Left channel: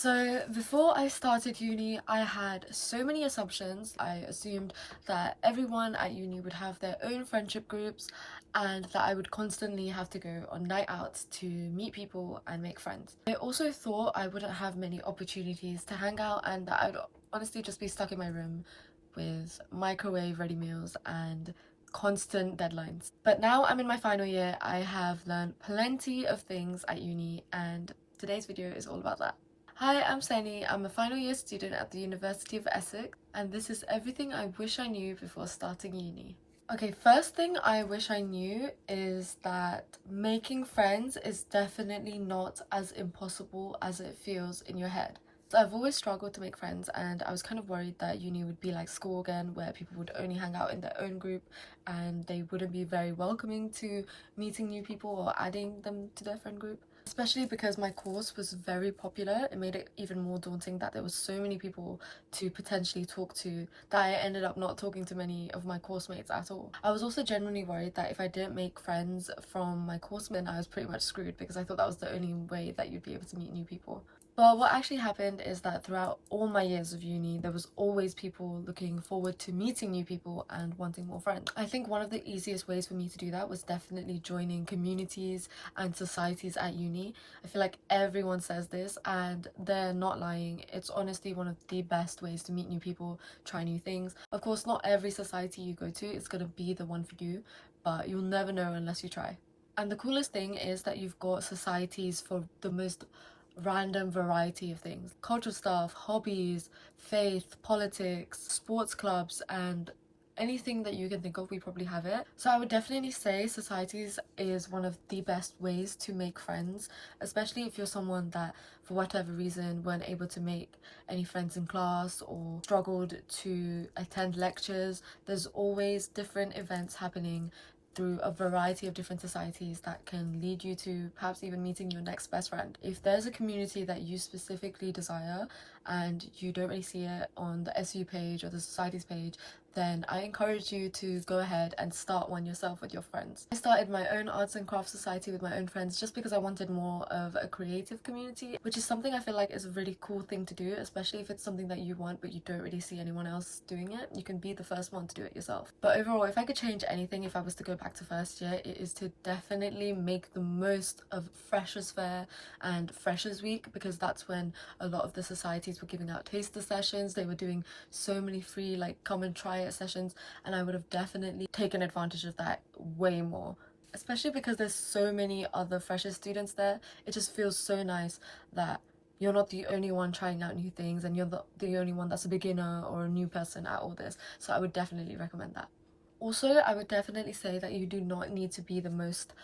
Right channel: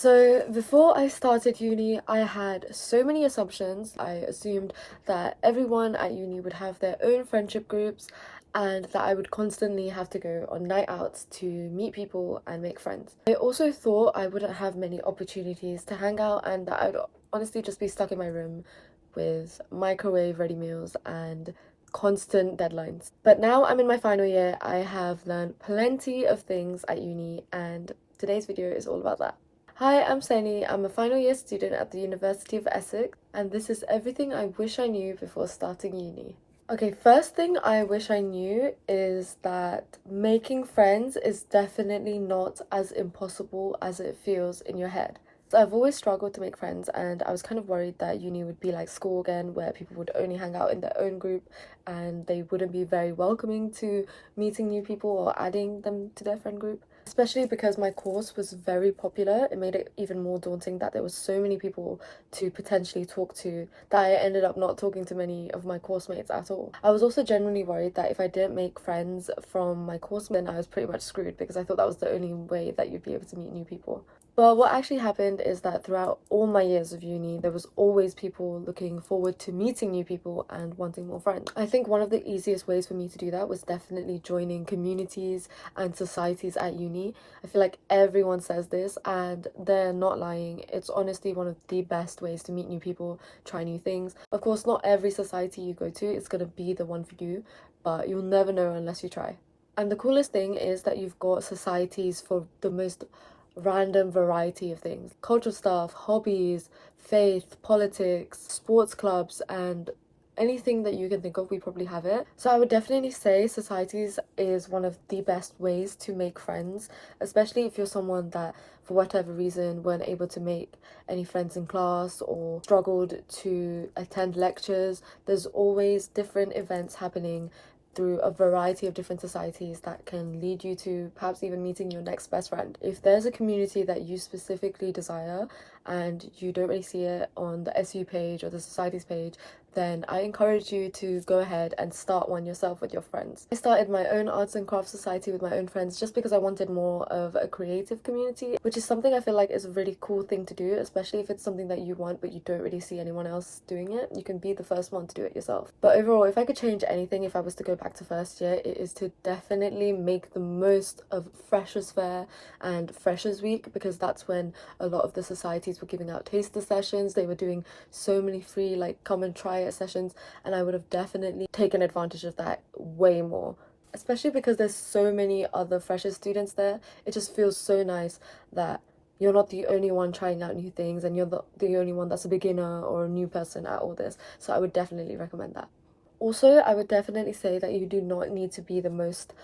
So before I started uni, I had so many assumptions. I assumed that everyone at uni would have their own friendship groups and that I would constantly have to go on night outs to meet people and make friends. I also thought I wouldn't have many opportunities to hang out and that I'd honestly just be stuck in my room with microwave ready meals and constant deadlines. But now I'm in my final year, I have learned plenty of things at uni and today's video is all about that. Hi, I'm Senny. I'm a final year student at the University of Essex, and this is everything I wish I knew before starting uni. Okay, first thing I wish I knew is that making friends is definitely not as impossible as it feels in your head. So I've always struggled to make friends, and I was kind of worried that uni would be like school again, where people would only hang out in their own group and they wouldn't be very welcoming to meeting new people or adding them to their friend group. Especially because my course was very popular, it made it even more daunting that there was so many people to potentially talk to that I ended up not talking to many of my course mates at all. I was also genuinely worried that if I didn't make friends from my course then I was pretty much screwed because I thought that was the only way that you'd be able to meet new people. But what actually happened is that throughout all my years of uni, there was always people looking forward to meeting new people and wanting more friends. I think one of the easiest ways for me to do that was definitely joining communities and societies at uni. I feel like everyone says this and they're not lying. It's honestly one of the best ways to meet new people, try new things. Of course, not every society you go to is going to be the one for you, but you'll never know unless you try. And the coolest thing is that you've got societies for the most random variety of things: cultural stuff, hobbies, faith, politics, sports clubs, and anything that you can think of, we probably have it. So I would definitely say societies is one of the best ways to make friends, especially if you're someone that for whatever reason weren't able to make any friends in class or struggled to attend lectures. There's always different events happening through a variety of different societies that can lead you to perhaps even meeting your next best friend. If there's a community that you specifically desire and you don't really see it on the SU page or the societies page, then I encourage you to go ahead and start one yourself with your friends. I started my own arts and crafts society with my own friends just because I wanted more of a creative community, which is something I feel like is a really cool thing to do, especially if it's something that you want but you don't really see anyone else doing it. You can be the first one to do it yourself. But overall, if I could change anything if I was to go back to first year, it is to definitely make the most of Freshers Fair and Freshers Week, because that's when a lot of the societies were giving out taster sessions. They were doing so many free like come and try it sessions, and I would have definitely taken advantage of that way more, especially because there's so many other freshers students there. It just feels so nice that you're not the only one trying out new things and you're the only one that's a beginner or a new person at all this. So I would definitely recommend that. Also, I would definitely say that you do not need to be the most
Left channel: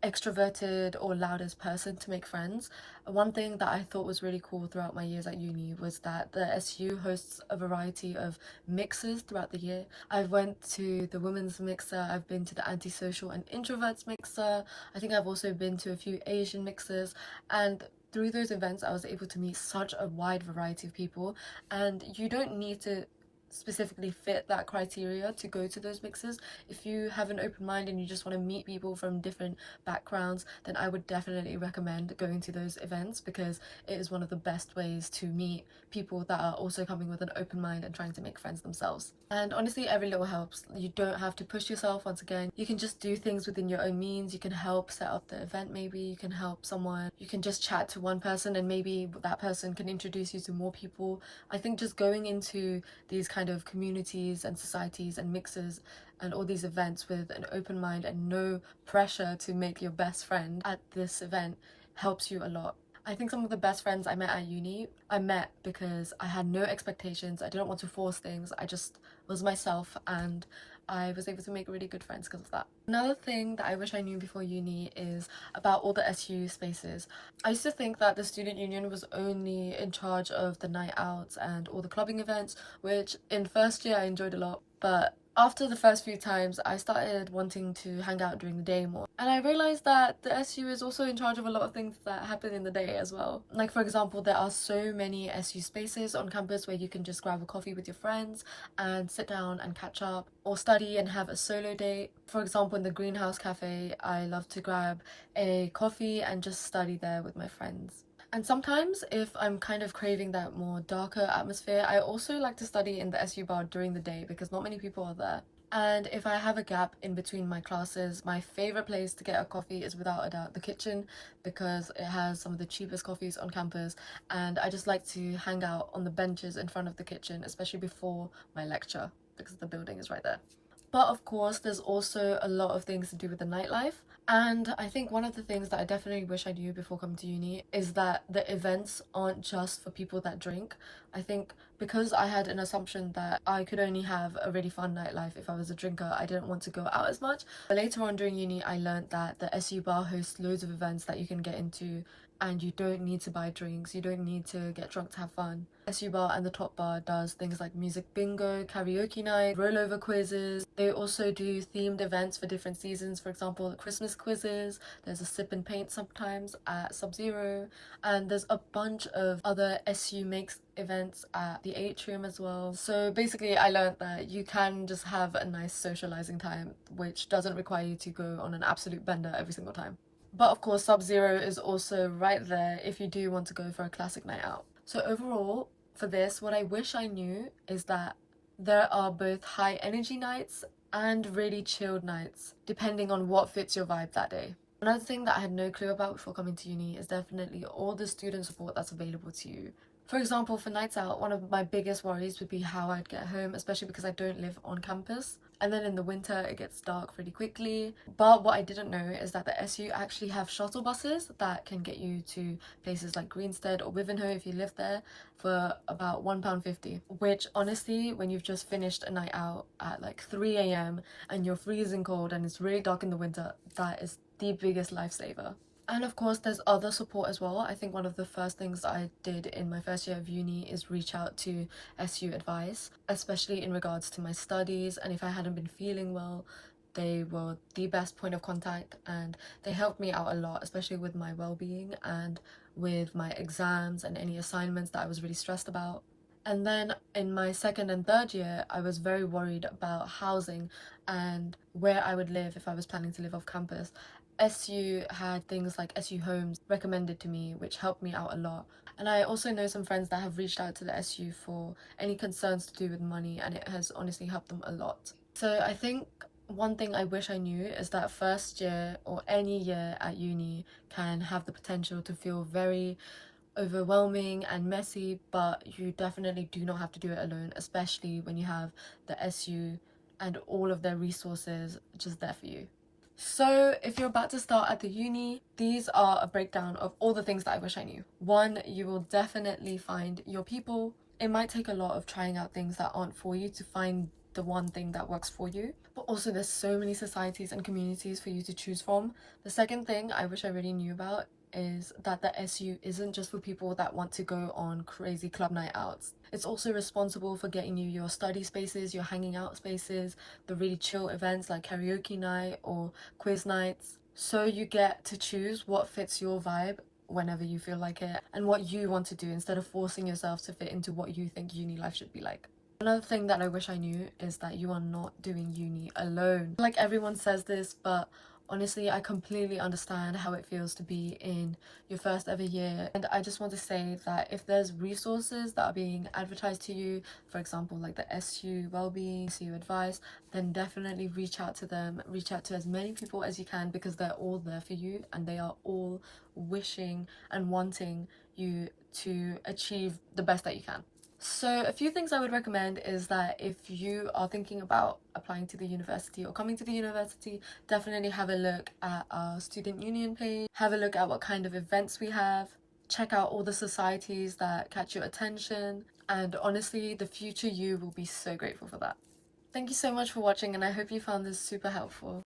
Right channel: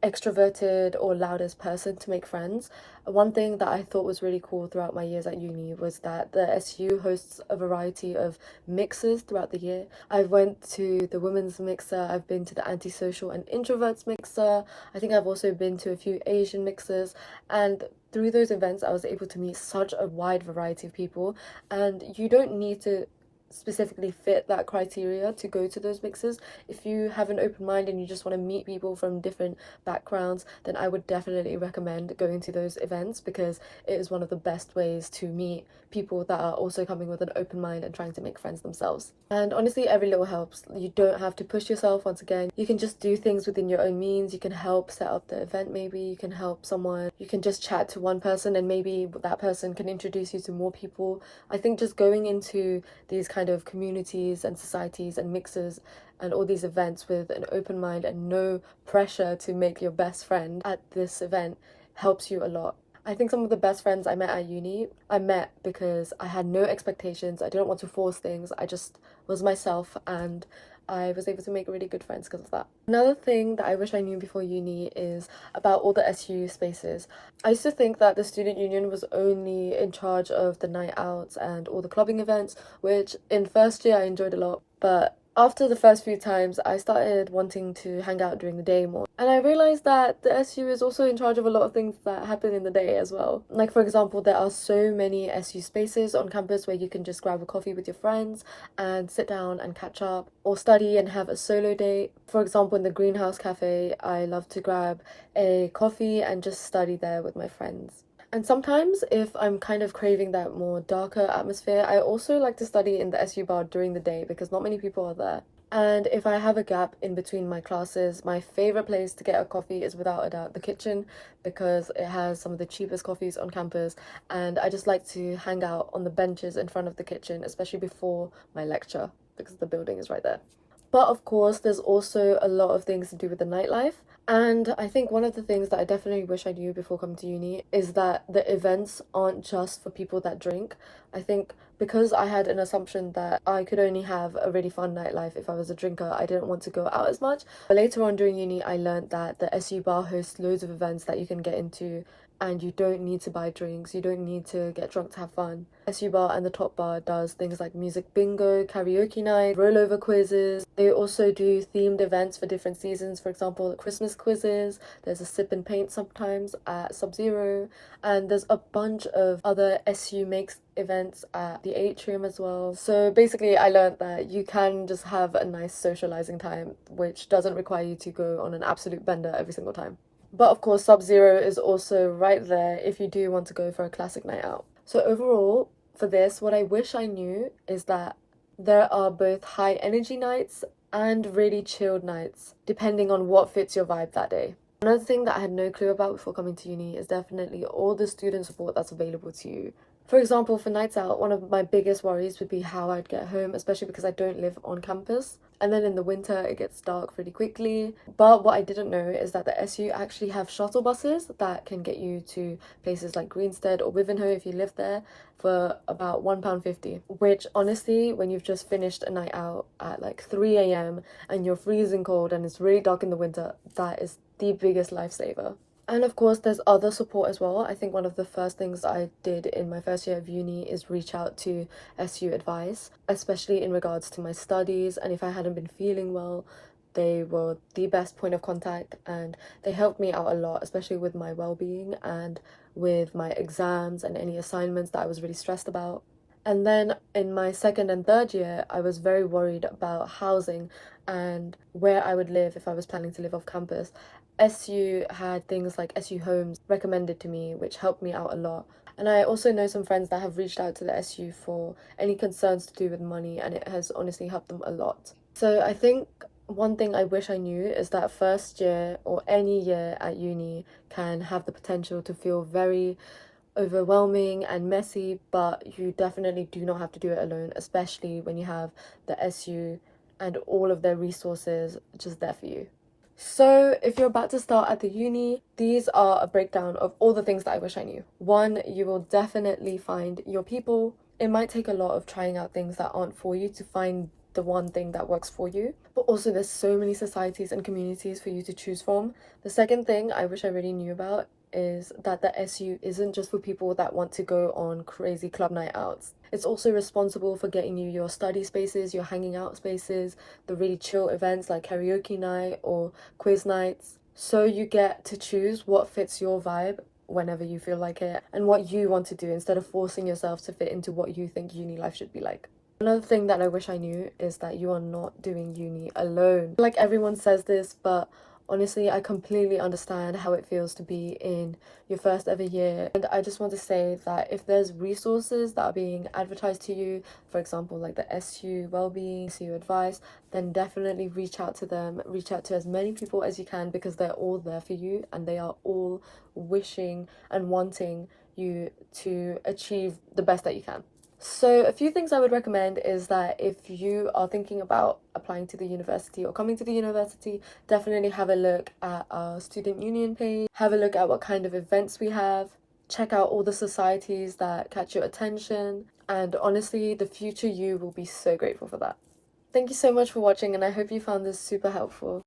extroverted or loudest person to make friends. One thing that I thought was really cool throughout my years at uni was that the SU hosts a variety of mixers throughout the year. I went to the women's mixer, I've been to the antisocial and introverts mixer, I think I've also been to a few Asian mixers, and through those events I was able to meet such a wide variety of people, and you don't need to specifically fit that criteria to go to those mixes. If you have an open mind and you just want to meet people from different backgrounds, then I would definitely recommend going to those events because it is one of the best ways to meet people that are also coming with an open mind and trying to make friends themselves. And honestly, every little helps. You don't have to push yourself. Once again, you can just do things within your own means. You can help set up the event, maybe you can help someone, you can just chat to one person and maybe that person can introduce you to more people. I think just going into these kind of communities and societies and mixes and all these events with an open mind and no pressure to make your best friend at this event helps you a lot. I think some of the best friends I met at uni, I met because I had no expectations. I didn't want to force things. I just was myself and I was able to make really good friends because of that. Another thing that I wish I knew before uni is about all the SU spaces. I used to think that the student union was only in charge of the night outs and all the clubbing events, which in first year I enjoyed a lot, but after the first few times I started wanting to hang out during the day more, and I realized that the SU is also in charge of a lot of things that happen in the day as well. Like for example, there are so many SU spaces on campus where you can just grab a coffee with your friends and sit down and catch up or study and have a solo date. For example, in the greenhouse cafe, I love to grab a coffee and just study there with my friends. And sometimes, if I'm kind of craving that more darker atmosphere, I also like to study in the SU bar during the day because not many people are there. And if I have a gap in between my classes, my favorite place to get a coffee is without a doubt the kitchen because it has some of the cheapest coffees on campus. And I just like to hang out on the benches in front of the kitchen, especially before my lecture because the building is right there. But of course, there's also a lot of things to do with the nightlife. And I think one of the things that I definitely wish I knew before coming to uni is that the events aren't just for people that drink. I think because I had an assumption that I could only have a really fun nightlife if I was a drinker, I didn't want to go out as much. But later on during uni, I learned that the SU bar hosts loads of events that you can get into, and you don't need to buy drinks, you don't need to get drunk to have fun. SU Bar and the Top Bar does things like music bingo, karaoke night, rollover quizzes. They also do themed events for different seasons, for example, Christmas quizzes. There's a sip and paint sometimes at Sub-Zero, and there's a bunch of other SU Makes events at the Atrium as well. So basically, I learned that you can just have a nice socializing time, which doesn't require you to go on an absolute bender every single time. But of course, Sub-Zero is also right there if you do want to go for a classic night out. So overall, for this, what I wish I knew is that there are both high energy nights and really chilled nights, depending on what fits your vibe that day. Another thing that I had no clue about before coming to uni is definitely all the student support that's available to you. For example, for nights out, one of my biggest worries would be how I'd get home, especially because I don't live on campus. And then in the winter, it gets dark really quickly. But what I didn't know is that the SU actually have shuttle buses that can get you to places like Greenstead or Wivenhoe if you live there for about £1.50. Which honestly, when you've just finished a night out at like 3 a.m. and you're freezing cold and it's really dark in the winter, that is the biggest lifesaver. And of course, there's other support as well. I think one of the first things I did in my first year of uni is reach out to SU advice, especially in regards to my studies. And if I hadn't been feeling well, they were the best point of contact and they helped me out a lot, especially with my well-being and with my exams and any assignments that I was really stressed about. And then in my second and third year, I was very worried about housing and where I would live if I was planning to live off campus. SU had things like SU Homes recommended to me, which helped me out a lot. And I also know some friends that have reached out to the SU for any concerns to do with money, and it has honestly helped them a lot. So I think one thing I wish I knew is that first year or any year at uni can have the potential to feel very overwhelming and messy, but you definitely do not have to do it alone, especially when you have the SU and all of their resources just there for you. So, if you're about to start at the uni, these are a breakdown of all the things that I wish I knew. One, you will definitely find your people. It might take a lot of trying out things that aren't for you to find the one thing that works for you. But also, there's so many societies and communities for you to choose from. The second thing I wish I really knew about is that the SU isn't just for people that want to go on crazy club night outs. It's also responsible for getting you your study spaces, your hanging out spaces, the really chill events like karaoke night or quiz nights. So you get to choose what fits your vibe whenever you feel like it and what you want to do instead of forcing yourself to fit into what you think uni life should be like. Another thing that I wish I knew is that you are not doing uni alone. Like everyone says this, but honestly, I completely understand how it feels to be in your first ever year. And I just want to say that if there's resources that are being advertised to you, for example, like the SU Wellbeing, SU Advice, then definitely reach out to them. Reach out to as many people as you can because they're all there for you and they are all wishing and wanting you to achieve the best that you can. So a few things I would recommend is that if you are thinking about applying to the university or coming to the university, definitely have a look at our student union page, have a look at what kind of events we have, check out all the societies that catch your attention, and honestly, the future you will be so grateful for that. Thank you so much for watching and I hope you found this super helpful.